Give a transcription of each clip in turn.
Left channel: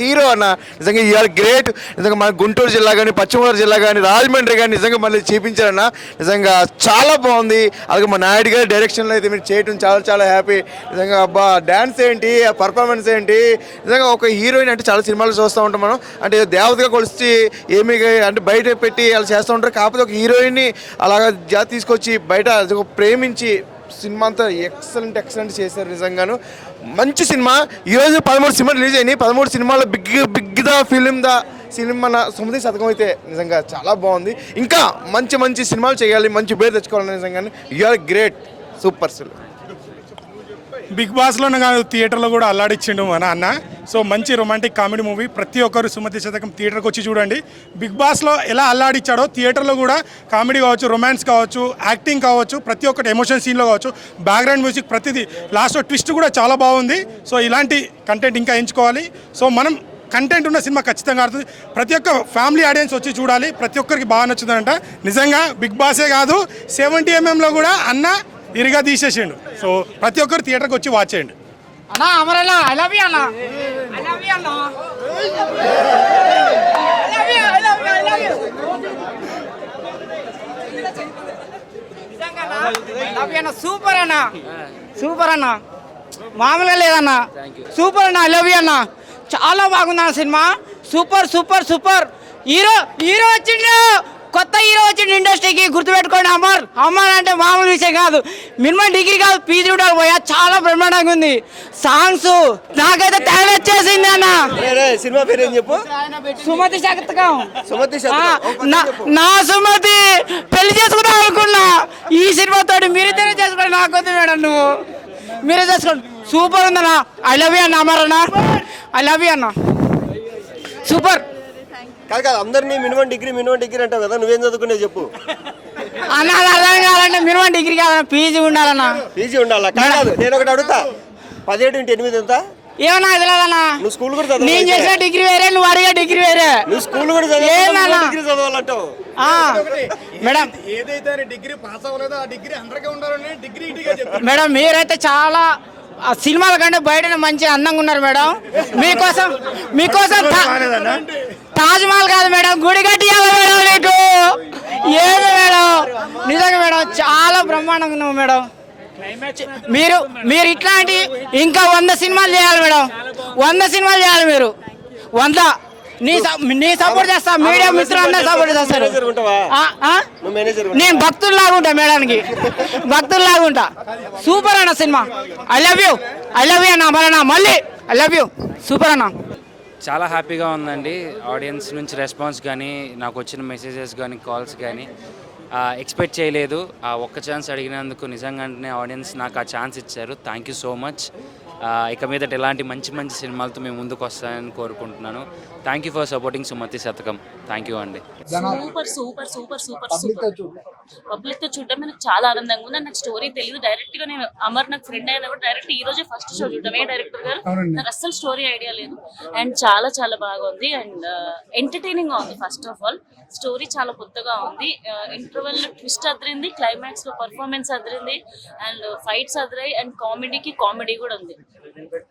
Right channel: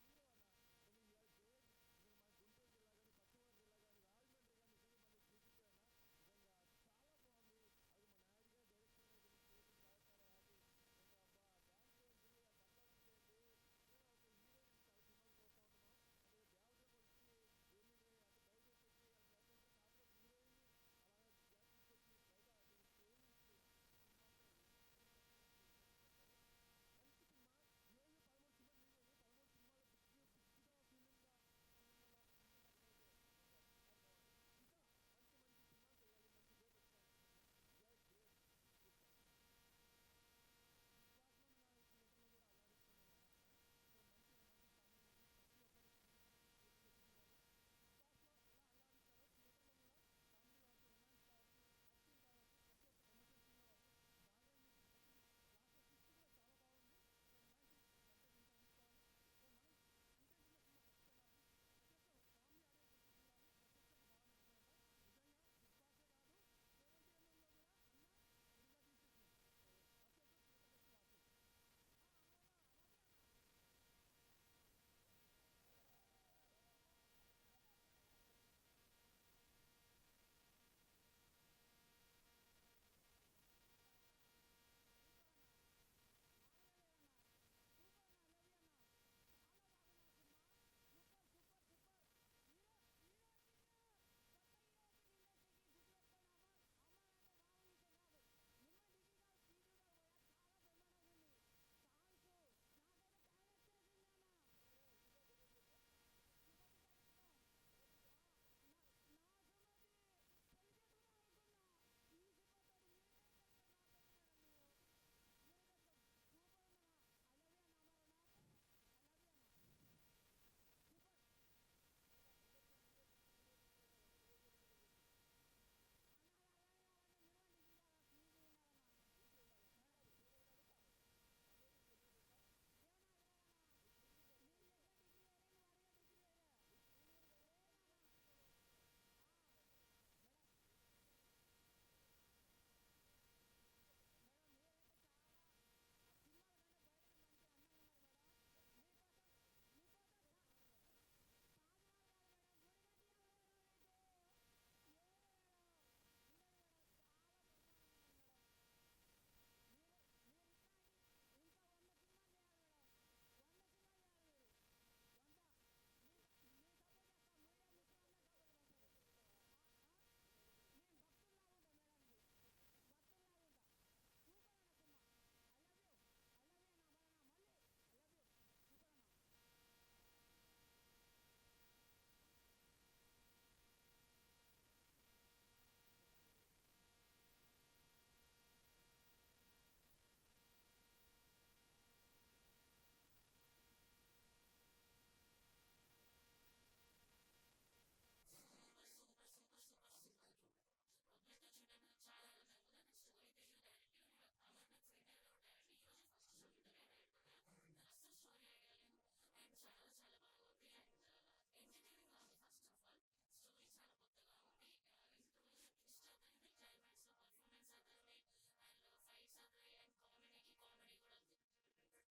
Hero అన్న. నిజంగా ఇవాళ గ్రేట్. నిజంగా మన గుంటూరు జిల్లా కానీ, పశ్చిమ గోదావరి జిల్లా కానీ, రాజమండ్రి కానీ నిజంగా మళ్ళీ చూపించారన్న. నిజంగా చాలా బాగుంది. అలాగే మా నాయుడు గారి డైరెక్షన్లో అయితే మీరు చేయడం చాలా చాలా హ్యాపీ. నిజంగా అబ్బా డ్యాన్స్ ఏంటి, ఆ పర్ఫార్మెన్స్ ఏంటి, నిజంగా ఒక హీరోయిన్ అంటే చాలా సినిమాలు చూస్తూ ఉంటాం మనం. అంటే దేవతగా కొలిచి ఏమి అంటే బయట పెట్టి అలా చేస్తూ ఉంటారు. కాకపోతే ఒక హీరోయిన్ని అలాగా తీసుకొచ్చి బయట ప్రేమించి సినిమా అంతా ఎక్సలెంట్ చేశారు. నిజంగాను మంచి సినిమా. ఈరోజు 13 సినిమాలు రిలీజ్ అయినాయి. 13 సినిమాలో బిగ్ ద ఫిలిం మన సుమతి శతకం అయితే నిజంగా చాలా బాగుంది. ఇంకా మంచి సినిమాలు చేయాలి, మంచి పేరు తెచ్చుకోవాలి. నిజంగానే యూఆర్ గ్రేట్, సూపర్ అసలు. బిగ్ బాస్లోనే కాదు, థియేటర్లో కూడా అల్లాడిచ్చిండు మన అన్న. సో మంచి రొమాంటిక్ కామెడీ మూవీ. ప్రతి ఒక్కరు సుమతి శతకం థియేటర్కి వచ్చి చూడండి. బిగ్ బాస్లో ఎలా అల్లాడిచ్చాడో థియేటర్లో కూడా కామెడీ కావచ్చు, రొమాన్స్ కావచ్చు, యాక్టింగ్ కావచ్చు, ప్రతి ఒక్కటి ఎమోషన్ సీన్లో కావచ్చు, బ్యాక్గ్రౌండ్ మ్యూజిక్ ప్రతిదీ, లాస్ట్లో ట్విస్ట్ కూడా చాలా బాగుంది. సో ఇలాంటి కంటెంట్ ఇంకా ఎంచుకోవాలి. సో మనం కంటెంట్ ఉన్న సినిమా ఖచ్చితంగా ఆడుతుంది. ప్రతి ఒక్క ఫ్యామిలీ ఆడియన్స్ వచ్చి చూడాలి. ప్రతి ఒక్కరికి బాగా నచ్చుతుందంట. నిజంగా బిగ్ బాసే కాదు, 70mm కూడా అన్న ఇరిగా తీసేసిండు. సో ప్రతి ఒక్కరు థియేటర్కి వచ్చి వాచ్ చేయండి. అన్నా అమరన్నా ఐ లవ్ యూ అన్నా, ఐ లవ్ యూ అన్నా, ఐ లవ్ యూ. సూపర్ అన్నా, సూపర్ అన్నా, మామూలుగా లేదన్నా, సూపర్ అన్నా, ఐ లవ్ యూ అన్నా. చాలా బాగుందన్న సినిమా. సూపర్ హీరో వచ్చిండు, కొత్త హీరో వచ్చిండు ఇండస్ట్రీకి. గుర్తుపెట్టుకోండి, అమర్ అంటే మామూలు విషయం కాదు. మినిమం డిగ్రీ కాదు, పీజీ ఉండాలి పోయా. చాలా బ్రహ్మాండంగా ఉంది. సాంగ్స్ నాకైతే తెగ వచ్చేసింది అన్న. సినిమా పేరు ఏం చెప్పు? సుమతి శతకం. నా సుమతి పెళ్లి చేసుకుందాం అనుకున్నా. ఈ సినిమాతోటి మీరిద్దరే చేసుకోండి, నాకొద్దు మేడం, నువ్వు మీరే చేసుకోండి. సూపర్ ఉందన్నా, ఐ లవ్ యూ అన్న, అమర్ అన్న, ఐ లవ్ యూ అన్న, సూపర్. కాదు అందరినీ మినిమం డిగ్రీ అంటావు కదా, నువ్వేం చదువుకునేది చెప్పు అన్న. అది అర్థం కావాలంటే మినిమం డిగ్రీ కాదన్న, పీజీ ఉండాలన్నా. పీజీ ఉండాలా? కాదు, నేను ఒకటి అడుగుతా, 17 × 8 ఎంత? ఏమన్నా తెలియదన్నా. నువ్వు స్కూల్ కూడా చదవాలి. నేను చేసిన డిగ్రీ వేరే, నువ్వు అడిగే డిగ్రీ వేరే. నువ్వు స్కూల్ కూడా చదవాలంటావు మేడం. ఏదైతే డిగ్రీ పాస్ అవ్వలేదో ఆ డిగ్రీ అందరికీ ఉండాలని డిగ్రీ మేడం మీరైతే చాలా సినిమాల కంటే బయటనే మంచి అందంగా ఉన్నారు మేడం. మీకోసం తాజ్ మహల్ కాదు మేడం, గుడి కట్టియాలి మేడం నీకు. ఏది మేడం, నిజంగా మేడం చాలా బ్రహ్మాండంగా ఉన్నావు మేడం. మీరు ఇట్లాంటి ఇంకా 100 సినిమాలు చేయాలి మేడం, 100 సినిమాలు చేయాలి మీరు. 100 నీ సపోర్ట్ చేస్తా, మీడియా మిత్రులందరూ సపోర్ట్ చేస్తారు. నేను భక్తుల్లాగా ఉంటా మేడానికి, భక్తుల్లాగా ఉంటా. సూపర్ అన్న సినిమా. ఐ లవ్ యూ అన్న, అమరన్నా మళ్ళీ ఐ లవ్ యూ. సూపర్ అన్న. చాలా హ్యాపీగా ఉందండి. ఆడియన్స్ నుంచి రెస్పాన్స్ కానీ, నాకు వచ్చిన మెసేజెస్ కానీ, కాల్స్ కానీ ఎక్స్పెక్ట్ చేయలేదు. ఆ ఒక్క ఛాన్స్ అడిగినందుకు నిజంగానే ఆడియన్స్ నాకు ఆ ఛాన్స్ ఇచ్చారు. Thank you so much. ఇక మీదట ఇలాంటి మంచి సినిమాలతో మేము ముందుకు వస్తానని కోరుకుంటున్నాను. Thank you for supporting Sumathi Shatakam. Thank you అండి. సూపర్ పబ్లిక్తో చూడడం నాకు చాలా ఆనందంగా ఉంది. నాకు స్టోరీ తెలియదు. డైరెక్ట్గా నేను అమర్ నాకు ఫ్రెండ్ అయినా కూడా డైరెక్ట్ ఈ రోజే ఫస్ట్ షో చూడడం. డైరెక్టర్ గారు నాకు అస్సలు స్టోరీ ఐడియా లేదు. అండ్ చాలా బాగా ఉంది. అండ్ ఎంటర్టైనింగ్ గా ఉంది. ఫస్ట్ ఆఫ్ ఆల్ స్టోరీ చాలా కొత్తగా ఉంది. ఇంటర్వెల్ లో ట్విస్ట్ అదిరింది, క్లైమాక్స్ లో performance Adirindi, and fights అదిరాయి, and comedy కూడా ఉంది.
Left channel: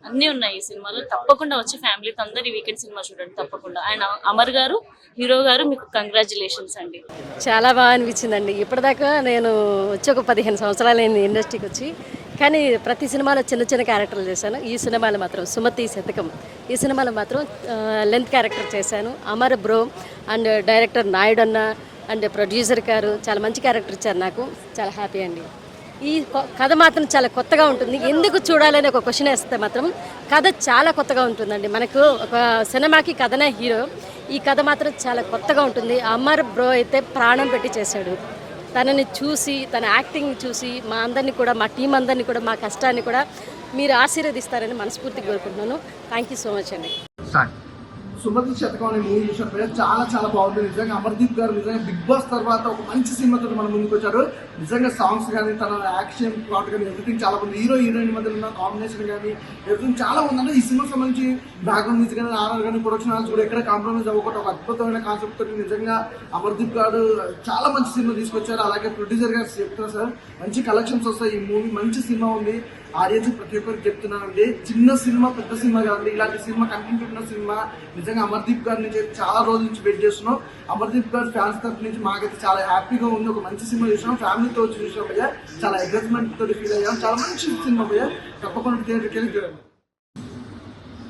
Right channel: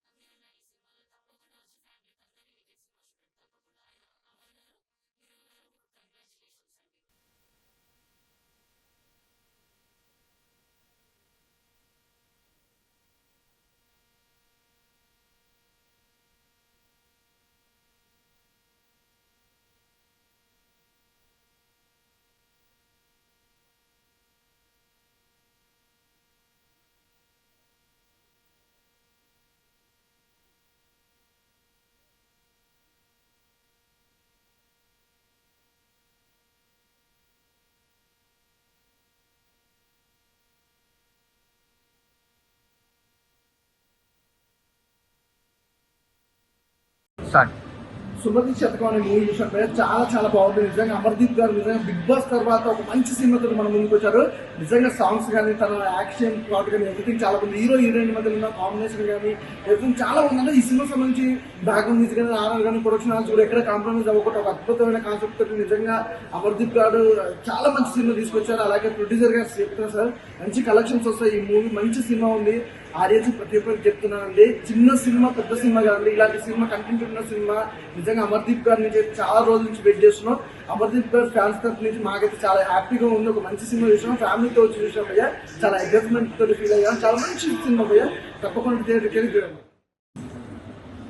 అన్నీ ఉన్నాయి ఈ సినిమాలో. తప్పకుండా వచ్చి ఫ్యామిలీతో అందరు వీకెండ్ సినిమా చూడండి తప్పకుండా. అండ్ అమర్ గారు, హీరో గారు, మీకు కంగ్రాచులేషన్స్ అండి. చాలా బాగా అనిపించిందండి. ఇప్పటిదాకా నేను వచ్చి ఒక 15 సంవత్సరాలు అయింది ఇండస్ట్రీకి వచ్చి. కానీ ప్రతి సినిమాలో చిన్న క్యారెక్టర్లు చేశాను. ఈ సినిమాలో మాత్రం సుమతి శతకం, ఈ సినిమాలో మాత్రం లెంత్ క్యారెక్టర్ చేశాను. Amar bro and director Naidu అన్న అండ్ ప్రొడ్యూసర్ గారు చాలా మంచి క్యారెక్టర్ ఇచ్చారు. నాకు చాలా హ్యాపీ అండి. ఈ కథ మాత్రం చాలా కొత్తగా ఉంటుంది. ఎందుకు చూడాలని ఒక క్వశ్చన్ వేస్తే మాత్రం కథ చాలా కొత్తగా ఉంటుందండి. మనకు ఒక సినిమాకి కథనే హీరో. ఈ కథ మాత్రం చాలా కొత్తగా ఉంటుంది. అమర్ బ్రో అయితే ప్రాణం పెట్టి చేశాడు. తనని చూసి, తన యాక్టింగ్ చూసి మా అందరినీ కూడా, మా టీం అందరినీ కూడా, మా కష్టాన్ని కూడా మీరు ఆశీర్వదిస్తారని మనస్ఫూర్తిగా కోరుకుంటున్నాను. థ్యాంక్ యూ సో మచ్ అండి. సుమతి శతకం అనే మూవీ చూసినప్పుడు చాలా బాగుంది. నిజంగా అమర్దీప్ గారు నిజంగా బిగ్ బాస్ తర్వాత ఒక మంచి సినిమాతో మన ముందుకు వచ్చారు. నిజంగా సాంగ్స్ కానీ, తన యాక్షన్ ప్లాట్ కానీ ఎవ్రీథింగ్ చాలా బాగుంది. హీరోయిన్ మధ్య ఉన్న కాంబినేషన్ కానీ ఎవ్రీథింగ్ చాలా బాగుంది. అంటే ఈ సినిమాకి సంబంధించి బ్యాక్గ్రౌండ్ మ్యూజిక్ కానీ, ఆర్ఆర్ కానీ, ప్రొడక్షన్ హాల్స్ కూడా ఎక్కడ కాంప్రమైజ్ అవ్వకుండా ఒక అద్భుతమైన కాన్సెప్ట్ తోటి నిజంగా అమర్దీప్ గారు చాలా మంచి సినిమా తీసుకొచ్చారు. అలాగే ప్రొడ్యూసర్ గారు చెప్తున్నారు సార్, మంచి కలెక్షన్స్ వస్తాయి. ఈ మూవీ మంచి సినిమా ఉంది. ఆడియన్స్ ప్రతి ఒక్కరికి చెప్తున్నానండి, చిన్న సినిమా పెద్ద సినిమా కాదండి, ఇలాంటి సినిమా కంటెంట్ ఉన్న సినిమా నిజంగా అమర్దీప్ గారి నుంచి చాలా రోజుల నుంచి వెయిట్ చేస్తున్నాం. అమర్దీప్ గారి ఫ్యాన్స్ తరఫు నుంచి మాకైతే చాలా హ్యాపీగా ఉంది. ఒక మంచి సినిమా చూసినాం, ఫ్యామిలీతో వచ్చి చూసాం భయ్యా, చాలా ఎగ్జైట్మెంట్ తోటి ఫీల్ అయ్యాం. చాలా మంచి సినిమా భయ్యా, తప్పకుండా చూడండి.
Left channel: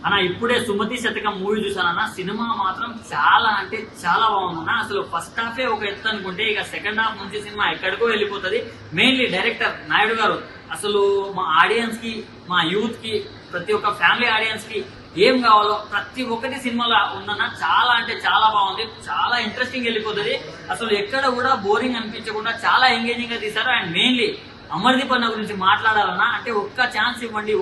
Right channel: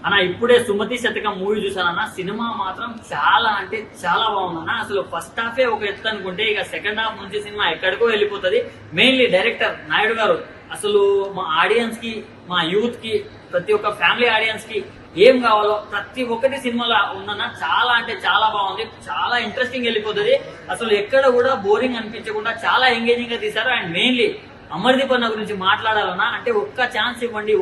అన్న ఇప్పుడే సుమతి శతకం మూవీ చూసానన్న, సినిమా మాత్రం చాలా అంటే చాలా బాగుందన్న. అసలు ఫస్ట్ హాఫే ఒక ఎత్తు అనుకుంటే ఇక సెకండ్ హాఫ్ నుంచి సినిమా ఎక్కడికో వెళ్ళిపోతుంది. మెయిన్లీ డైరెక్టర్ నాయుడు గారు అసలు మా ఆడియన్స్ కి, మా యూత్ కి, ప్రతి ఒక్క ఫ్యామిలీ ఆడియన్స్ కి ఏం కావాలో ప్రతి ఒక్కటి సినిమాలో ఉందన్న. చాలా అంటే చాలా బాగుంది, చాలా ఇంట్రెస్టింగ్ వెళ్ళిపోతుంది. అసలు ఎక్కడ కూడా బోరింగ్ అనిపించకుండా చాలా ఎంగేజింగ్ గా తీశారు. అండ్ మెయిన్లీ అమర్దీప్ అన్న గురించి మాట్లాడాలన్నా అంటే ఒక్క ఛాన్స్ ఇవ్వండి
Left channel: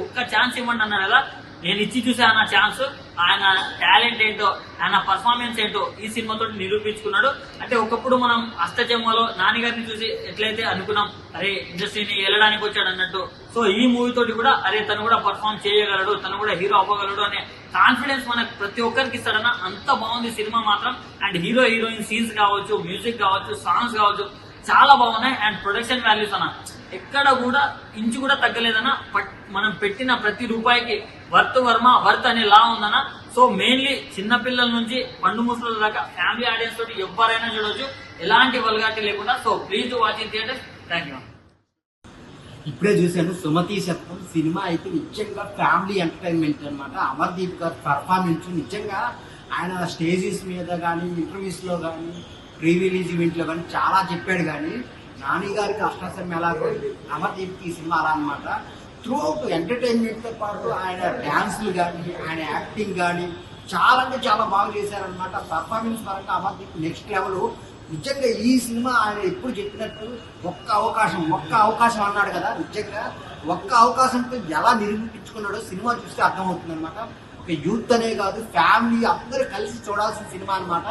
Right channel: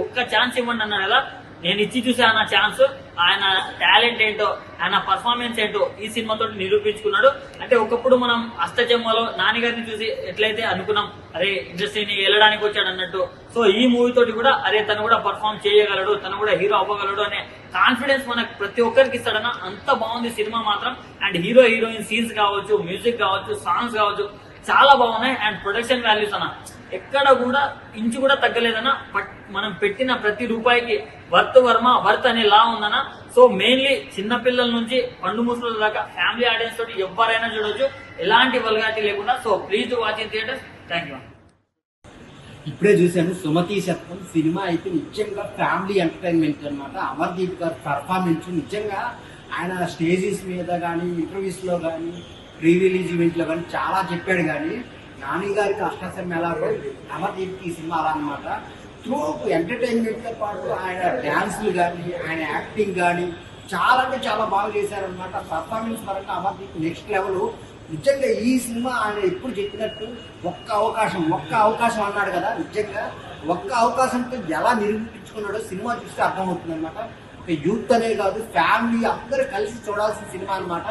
అన్నారు కదా. నేను ఇచ్చి చూసాను ఆ ఛాన్స్. ఆయన టాలెంట్ ఏంటో, ఆయన పర్ఫార్మెన్స్ ఏంటో ఈ సినిమాతో నిరూపించుకున్నాడు. అంటే ఒకప్పుడు మనం అష్టచెమ్మలో నాన్నగారిని చూసి ఎట్లయితే అనుకున్నాం, అరే ఇండస్ట్రీని వెళ్ళడానికి వచ్చాడు అన్నట్టు, సో ఈ మూవీ తోటి కూడా అరే తను కూడా పర్ఫార్మ్ చేయగలడు, తను కూడా హీరో అవ్వగలడు అనే కాన్ఫిడెన్స్ మనకు ప్రతి ఒక్కరికి ఇస్తాడన్న. అంత బాగుంది సినిమా మాత్రం. అండ్ హీరో హీరోయిన్ సీన్స్ కావచ్చు, మ్యూజిక్ కావచ్చు, సాంగ్స్ కావచ్చు, చాలా బాగున్నాయి. అండ్ ప్రొడక్షన్ వాల్యూస్ అన్న ఎక్కడ కూడా ఇంచు కూడా తగ్గలేదన్న. మనం పెట్టిన ప్రతి రూపాయికి వర్త్ అనే లా ఉందన్న. సో మెయిన్లీ చిన్నపిల్లల నుంచి పండు ముసల దాకా ఫ్యామిలీ ఆడియన్స్ తోటి ఎవరైనా చూడొచ్చు, ఎలాంటి వల్గారిటీ లేకుండా. So please watch in theatre. Thank you. ఇప్పుడే చూశాను సుమతి శతకం సినిమా అయితే నిజంగా ఫ్యామిలీ ఎంటర్టైన్మెంట్ అన్నమాట. అమర్దీప్ గారి పర్ఫార్మెన్స్ నిజంగా ఆయన స్టేజెస్ మీద కానీ, ఇంటర్వ్యూస్ లో కానీ, ప్రీ రిలీజ్ ఈవెంట్ లో కానీ చాలా చెప్పాడు. కానీ నాని గారికి అష్టసం ఎలాగో అమర్దీప్ కి ఈ సినిమా అలా అనమాట. త్రూ ఎంటర్టైన్మెంట్ తో పాటు ఆయన డాన్స్లు కానీ, ఆయన యాక్టింగ్ కానీ చాలా అంటే చాలా బాగా చేశారనమాట. పర్ఫార్మెన్స్ పరంగా అమర్దీప్ నెక్స్ట్ లెవెల్. నిజంగా ఈ సినిమా ఆయన ఎప్పుడు చెప్పినట్టు ఒక్క అవకాశం అన్నాడు కదా, నిజంగా ఒక్క అవకాశంతో ఎలా నిరూపించుకున్నాడో సినిమా చూస్తే అర్థమవుతుంది అనమాట. యూత్ అనే కాదు, ఫ్యామిలీ అందరూ కలిసి చూడాల్సిన సినిమా అనమాట.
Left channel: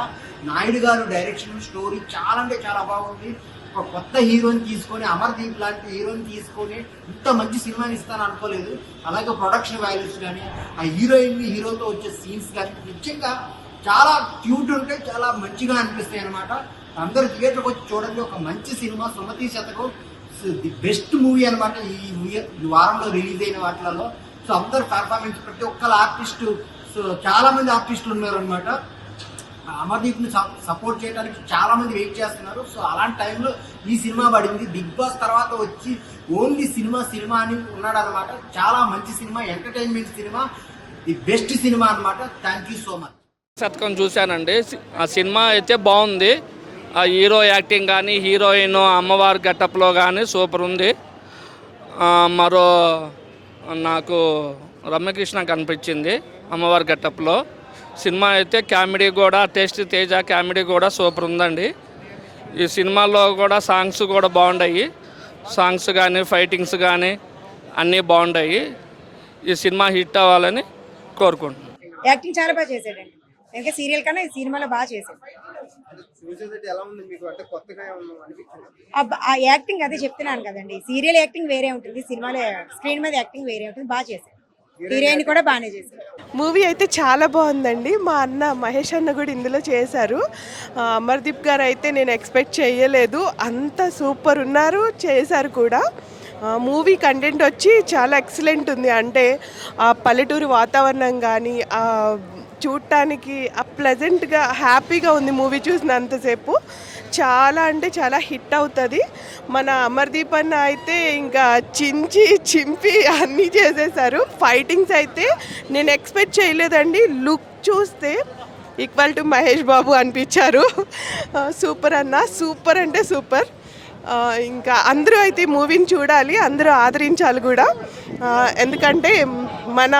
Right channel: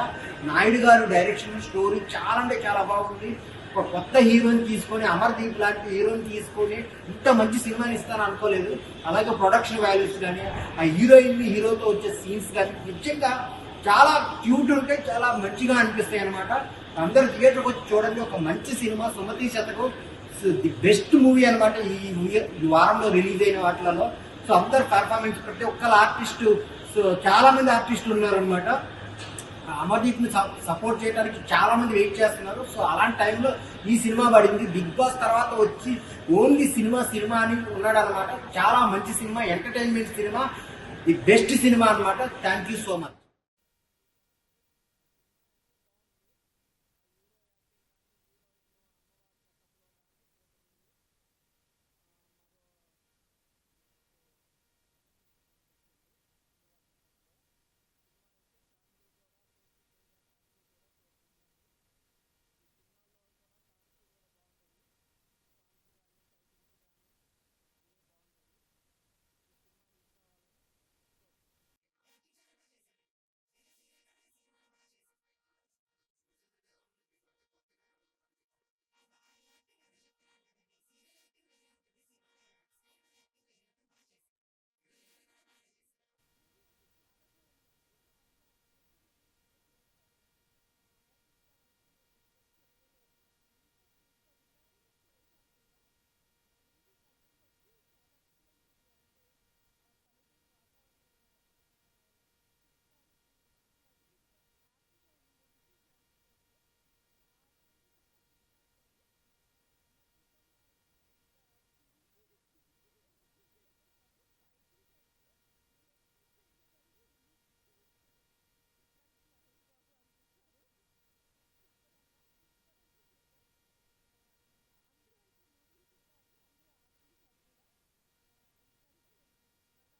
నాయుడు గారు డైరెక్షన్, స్టోరీ చాలా అంటే చాలా బాగుంది. ఒక కొత్త హీరోని తీసుకొని, అమర్దీప్ లాంటి హీరోని తీసుకొని ఇంత మంచి సినిమాని ఇస్తాను అనుకోలేదు. అలాగే ప్రొడక్షన్ వాల్యూస్ కానీ, ఆ హీరోయిన్ హీరోతో వచ్చే సీన్స్ కానీ నిజంగా చాలా క్యూట్ ఉంటాయి, చాలా మంచిగా అనిపిస్తాయి అనమాట. అందరూ థియేటర్కి వచ్చి చూడండి. ఒక మంచి సినిమా సుమతి శతకం, ది బెస్ట్ మూవీ అనమాట ఈ వారంలో రిలీజ్ అయిన వాటిలలో. సో అందరు పర్ఫార్మెన్స్, ప్రతి ఒక్కరు ఆర్టిస్టు, సో చాలా మంది ఆర్టిస్టులు ఉన్నారు అనమాట. అమర్దీప్ ని సపోర్ట్ చేయడానికి చాలా మంది వెయిట్ చేస్తున్నారు. సో అలాంటి టైంలో ఈ సినిమా పడింది. బిగ్ బాస్ తర్వాత వచ్చి ఓన్లీ సినిమా అని ఉన్నాడు అనమాట. చాలా మంచి సినిమా, ఎంటర్టైన్మెంట్ సినిమా, ది బెస్ట్ సినిమా అనమాట. Thank you so much. శతకం చూశానండి. ఆ సినిమా అయితే బాగుంది. ఆ హీరో యాక్టింగ్ కానీ, హీరోయిన్ అమ్మవారి గెటప్లో కానీ సూపర్ ఉంది. మరో నాకు రమ్యకృష్ణ కనిపించింది అమ్మవారి గెటప్లో. సినిమా అయితే కామెడీ కూడా, టేస్ట్ తేజ కామెడీ కూడా సూపర్ ఉందండి. ఈ సినిమాలో కూడా సాంగ్స్ కూడా బాగున్నాయి. సాంగ్స్ కానీ, ఫైటింగ్స్ కానీ అన్నీ బాగున్నాయి. ఈ సినిమా హిట్ అవ్వాలని కోరుకుంటున్నాను. యాక్టింగ్ చాలా బాగా చేశాడండి. ఇంకా సీరియల్ కన్నా ఈ సినిమాలో బాగా చేశాడు. ఆ యాక్టింగ్ అదే చెప్తున్నాను కదండి, సీరియల్ యాక్టింగ్ వేరే ఉంటుంది, సినిమాలో స్క్రీన్ మీద యాక్టింగ్ వేరే ఉంటుంది. బాగా చేశాడు. హీరోయిన్ కూడా బాగానే చేశారు. మూవీ అయితే చాలా బాగుందండి. మా అన్న మహేష్ అన్న కూడా ఇందులో చేశారు. అమర్దీప్ గారు అయితే నేను ఎక్స్పెక్ట్ చేయలేదు, అంత సూపర్ ఉన్నారు, చేశారు కూడా. మూవీ కంటెంట్ వచ్చి చాలా ఎక్సలెంట్ ఉంది. అంటే ఆ పల్లెటూరు వాతావరణం కానీ, చూడటానికి ప్లెజెంట్గా హ్యాపీగా ఉంది మూవీ చూసినంతసేపు. చాలా అంటే చాలా హిట్ అవుతుంది. మన అమర్దీప్ అన్న అయితే ఇంకా చింపి అన్నీ చేసేసారు. ఫైటింగ్స్ అయితే నేను ఎక్స్పెక్ట్ చేయలేదండి. లుక్ చూస్తే ఈక్వల్ టు మహేష్ బాబు అనిపించారు. సూపర్ అన్న, సూపర్ అంటే సూపర్. ఇంకా అందరూ అయితే మూవీని చూడాలి, అందరూ ఆదరించాలి కూడా. ఎందుకంటే మన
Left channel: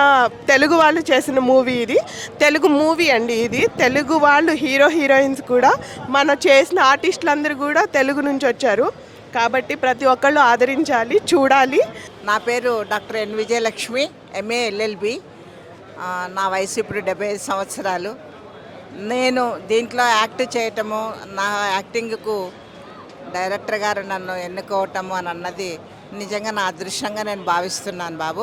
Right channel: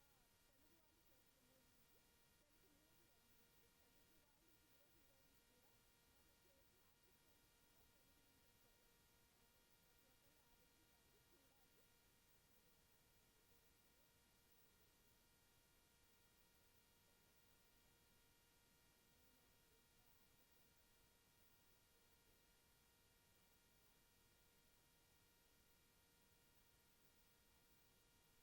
తెలుగు వాళ్ళు చేసిన మూవీ ఇది, తెలుగు మూవీ అండి ఇది. తెలుగు వాళ్ళు హీరోయిన్స్ కూడా, మన చేసిన ఆర్టిస్టులందరూ కూడా తెలుగు నుంచి వచ్చారు. కాబట్టి ప్రతి ఒక్కళ్ళు ఆదరించాలి, చూడాలి. నా పేరు doctor N Vijayalakshmi, MA LLB. నా వయసు ఇప్పుడు 75 సంవత్సరాలు. నేను దీంట్లో యాక్ట్ చేయటము, నా యాక్టింగ్కు డైరెక్టర్ గారు నన్ను ఎన్నుకోవటము అని అన్నది నిజంగా నా అదృష్టంగా నేను భావిస్తున్నాను బాబు.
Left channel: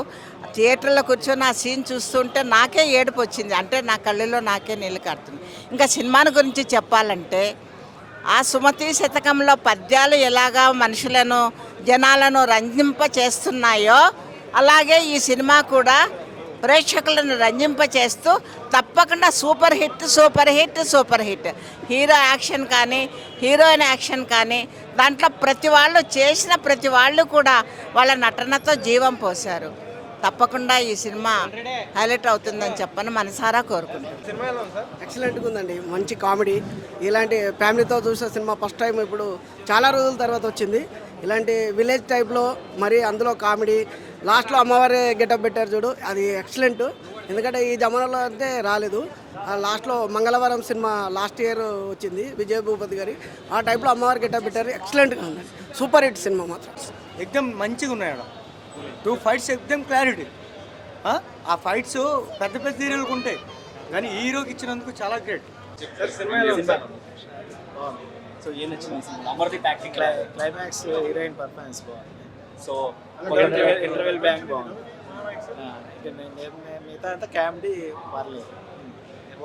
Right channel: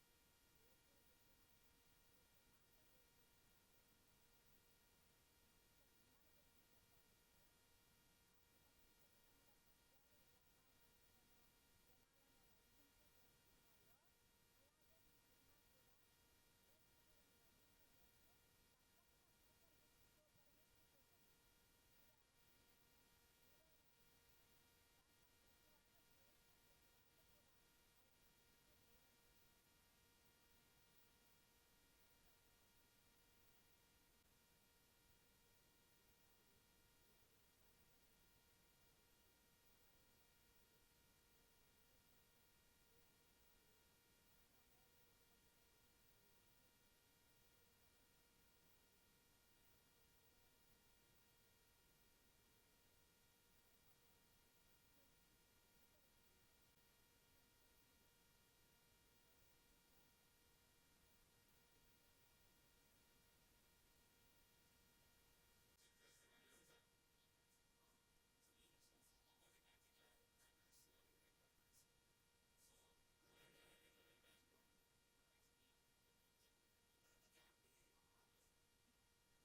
థియేటర్లో కూర్చొని ఆ సీన్ చూస్తుంటే నాకే ఏడుపు వచ్చింది. అంటే నా కళ్ళలో నాకే నీళ్ళు కారుతుంది. ఇంకా సినిమాని గురించి చెప్పాలంటే ఆ సుమతి శతకంలో పద్యాలు ఎలాగా మనుషులను, జనాలను రంజింప చేస్తున్నాయో అలాగే ఈ సినిమా కూడా ప్రేక్షకులను రంజింపచేస్తూ తప్పకుండా super hit super hit super hit. Hero action కానీ హీరోయిన్ యాక్షన్ కానీ దాంట్లో ప్రతి వాళ్ళు చేసిన ప్రతి వాళ్ళు కూడా వాళ్ళ నటనతో జీవం పోశారు. తప్పకుండా ఈ సినిమా హైలైట్ అవుతుందని చెప్పని మనసారా కోరుకుంటున్నాను. ఎక్సలెంట్గా ఉందండి, మంచి కామెడీ. ఇలాంటి ఫ్యామిలీతో చూసే సినిమా ఫస్ట్ టైం ఇప్పుడు చాలా రోజుల తర్వాత వచ్చింది. ఇలాంటి విలేజ్ టైప్లో మరి అందులో కామెడీ, లాస్ట్లో అమ్మవారి గెటప్ పెట్టారు చూడు, అది ఎక్సలెంట్. ఎందుకంటే ఈ జమానాలో అంటే రాలేదు. లాస్ట్లో మంగళవారం సినిమా లాస్ట్ ఇయర్ వచ్చింది విజయ్ భూపతి గారి, ఆ టైప్లో అమ్మవారి గెటప్ పెట్టారు. ఎక్సలెంట్గా ఉంది, సూపర్ హిట్ సినిమా మాత్రం. ఎక్దమ్ మంచిగా ఉన్నాయి. 2 ఫైట్స్ ఎక్దమ్ క్లారిటీ. ఆ ఫైట్స్ పెద్ద పెద్ద హీరోలకు ఉంటాయి కానీ హీరోకి ఇచ్చినందుకు చాలా గ్రేట్. సో ఏం నచ్చింది Amardeep acting, climax, heroine performance బాగుంది. సో ఇంటర్వెల్ బ్యాంక్ బాగుంది. మిగతా అంతా కామెడీ పర్లేదు,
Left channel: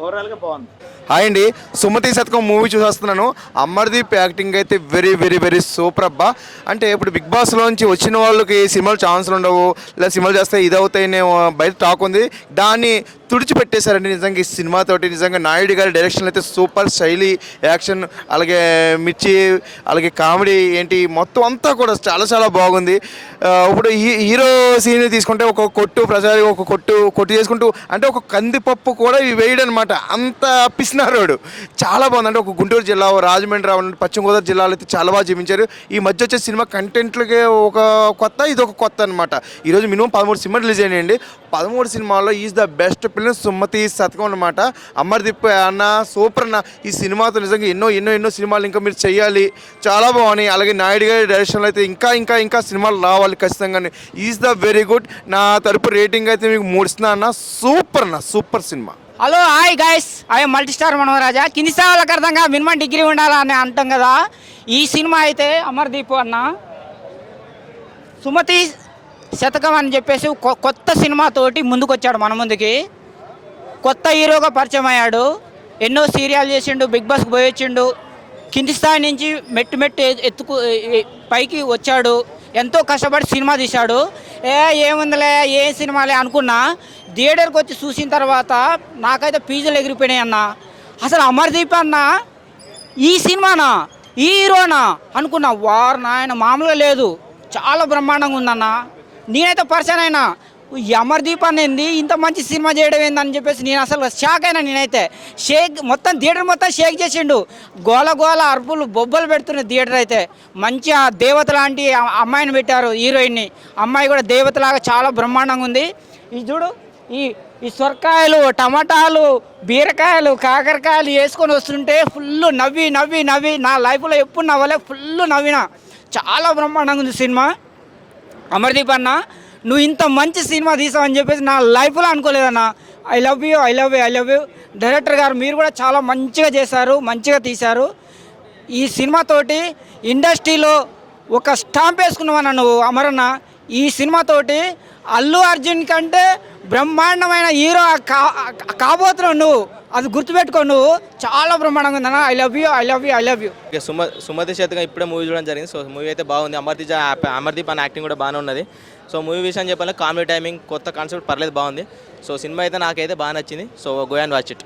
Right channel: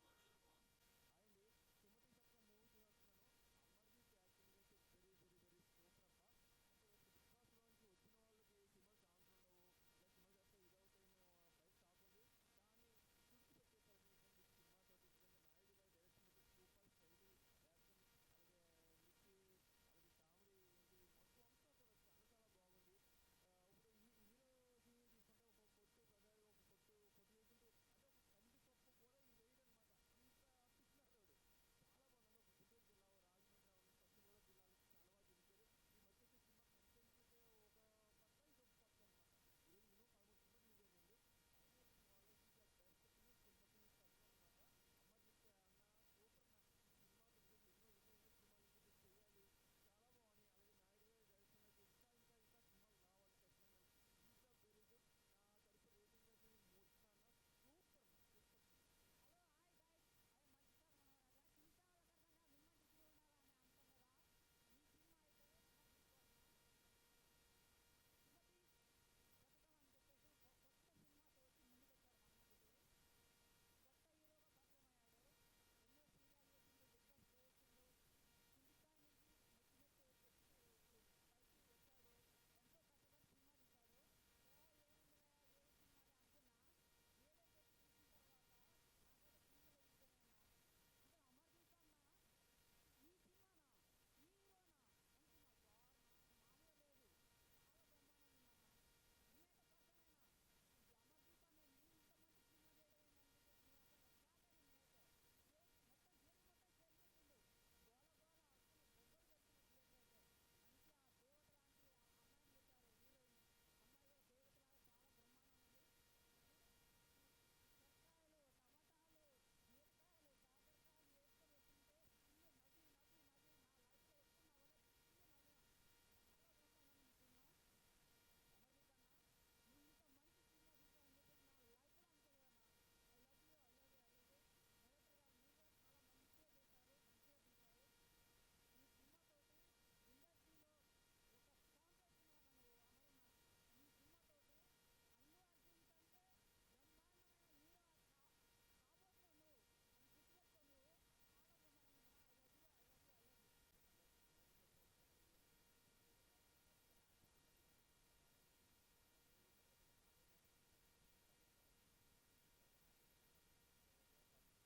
ఓవరాల్గా బాగుంది. హాయ్ అండి, సుమతి శతకం మూవీ చూసేస్తున్నాను. అమర్దీప్ యాక్టింగ్ అయితే వెరీ వెరీ వెరీ సూపర్ అబ్బా. అంటే ఇప్పుడు బిగ్ బాస్లోంచి వచ్చిన వాళ్ళకి సినిమాలు ఛాన్సులు ఉండవు, లేదా సినిమాలు చేస్తే ఇదవుతాయనే బయట టాక్ ఉంది. దాన్ని తుడిచిపెట్టేశారండి నిజంగా ఈ సినిమాతోటి. నిజంగా నాయుడు గారి డైరెక్షన్ అయితే సూపర్, శైలి, యాక్షన్, అలాగే మిర్చి, అలాగే కామెడీ ఏంటి మొత్తం అంతా కూడా చాలా చాలా బాగుంది. ఇప్పుడు హీరో సీన్ తీసుకుంటే ఒక కొట్టు ప్రసారి ఒక కొట్టు చేసుకుంటూ అంటే ఒక కందిపప్పు కూడా వేయడం అనమాట, అంత పిసినారోడు. చాలా బాగుంది. అంటే ఒక గుంటూరు జిల్లా, రాజమండ్రి, పశ్చిమ గోదావరి జిల్లాలో అయితే చాలా బాగా చూపించారు. ఈ మధ్య వచ్చే సినిమా కంటెంట్లకే ఒక కొత్త, ఇది ఒక కొత్త అనమాట. ఈరోజు మినిమం 13 సినిమాలు రిలీజ్ అయినాయండి. 13 సినిమాల్లో is the best film Sumathi Shatakam అనమాట. అమర్దీప్ అన్న సూపర్ అన్న. ఈ సినిమాతో నిజంగా ఎన్నో ఎన్నో ఎన్నో సినిమాలు ఇంకా మీరు చేయాలి, చాలా బాగున్నాయి. అలాగే నాయుడు గారి డైరెక్షన్లో అయితే ఇంకా ఇంకా ఇంకా సినిమాలు రావాలి ఖచ్చితంగా. Is the very good. నా తరపు రేటింగ్ అయితే మీకు 3 ఇస్తున్నా అన్న. సూపర్ అన్న, సూపర్ సినిమా. Hello hi guys, I multi star Manoraja. కింది స్థాయిలకు అర్థంగా మినిమం డిగ్రీ ఉండాలని అంటాం కదా. ఈ సినిమా అయితే అమర్దీప్ అన్న సుమతి శతకం అని చెప్పేసి కొత్త సినిమాతోటి ముందుకు వచ్చాడు మన ముందుకి. కొత్త హీరోగా పరిచయం అయ్యాడు. ఎన్నో సీరియల్ చేసిండు, బిగ్ బాస్కి పోయి వచ్చిండు. కింది స్థాయి నుంచి మెట్టు పైకి వచ్చాడు. ఎంతో కష్టపడి సినిమా తీశాడు. ఏముందిలే ఏ సినిమాలే అనుకున్నా, థియేటర్కి వచ్చి చూసిన తర్వాత నాకైతే పీజులు ఎగిరిపోయినాయి అన్న. అసలు అమర్దీప్ అన్న ఈ సినిమానా, ఈ హీరోనా అనుకున్నా. వారు నాయన మామూలుగా లేదు, చాలా బ్రహ్మాండంగా ఉందన్న. నేనైతే పరిచయం అయినా ఈ అమర్దీప్ అనేది ఇంత మంచి సినిమా చేయడం ఏందని చెప్పేసి నేను అసలు షాక్ అయినా. నేనైతే మొత్తం థియేటర్ మొత్తం షేక్ చేసిండు. గోల గోల అరుపులు బొబ్బలు పెడుతున్న థియేటర్ అయితే. మంచిగా దేవత లాంటి అమ్మాయిని పెట్టారు, హీరోయిన్ని. అమ్మాయి కూడా దేవతలాగా చాలా బ్రహ్మాండంగా ఉంది. ఈ చూడు, ఈ సొరకాయలు, టమాటాలు, బీరకాయలు, కాకరకాయలు వేసుకొని వస్తుంటే ఫుల్ నవ్వి నవ్వి నవ్వి నా లైఫ్లో ఎప్పుడు నవ్వలే, ఫుల్ నవ్విన. చాలా బ్రహ్మాండంగా ఉంది సినిమా. అమర్దీప్ అన్న, నువ్వు ఇంత మంచి సినిమా తీసావని చెప్పేసి నా లైఫ్లో అనుకోలేదన్న. I love you, I love you, I love you. Director గారు మీరు కూడా చాలా మంచిగా చేశారు, మంచిగా తీశారు. ఈ సినిమాతోటి ఇండస్ట్రీలో ఒక స్టాంప్ వేసుకున్నావన్న నువ్వు అమరన్న. ఈ సినిమాతోటి అల్లు అర్జున్ కంటే బ్రహ్మాండమైన హీరో కాబోతున్నావు నువ్వు. అది గుర్తుపెట్టుకో, నువ్వు చాలా బ్రహ్మాండంగా ఉందన్న. I love you, I love you, I love you. Sumathi Shatakam ఇప్పుడే మూవీ చూడడం జరిగింది. సో మూవీ అయితే బాగుంది. అమర్దీప్ అన్న యాక్టింగ్ కూడా బాగానే ఉన్నది. సో మూవీ విషయం చెప్పాలంటే కామెడీ టైమింగ్, కొత్త కాన్సెప్ట్ పర్లేదు, బాగుంది. సో సినిమా అయితే నాకైతే బాగా నచ్చింది. So go and watch it.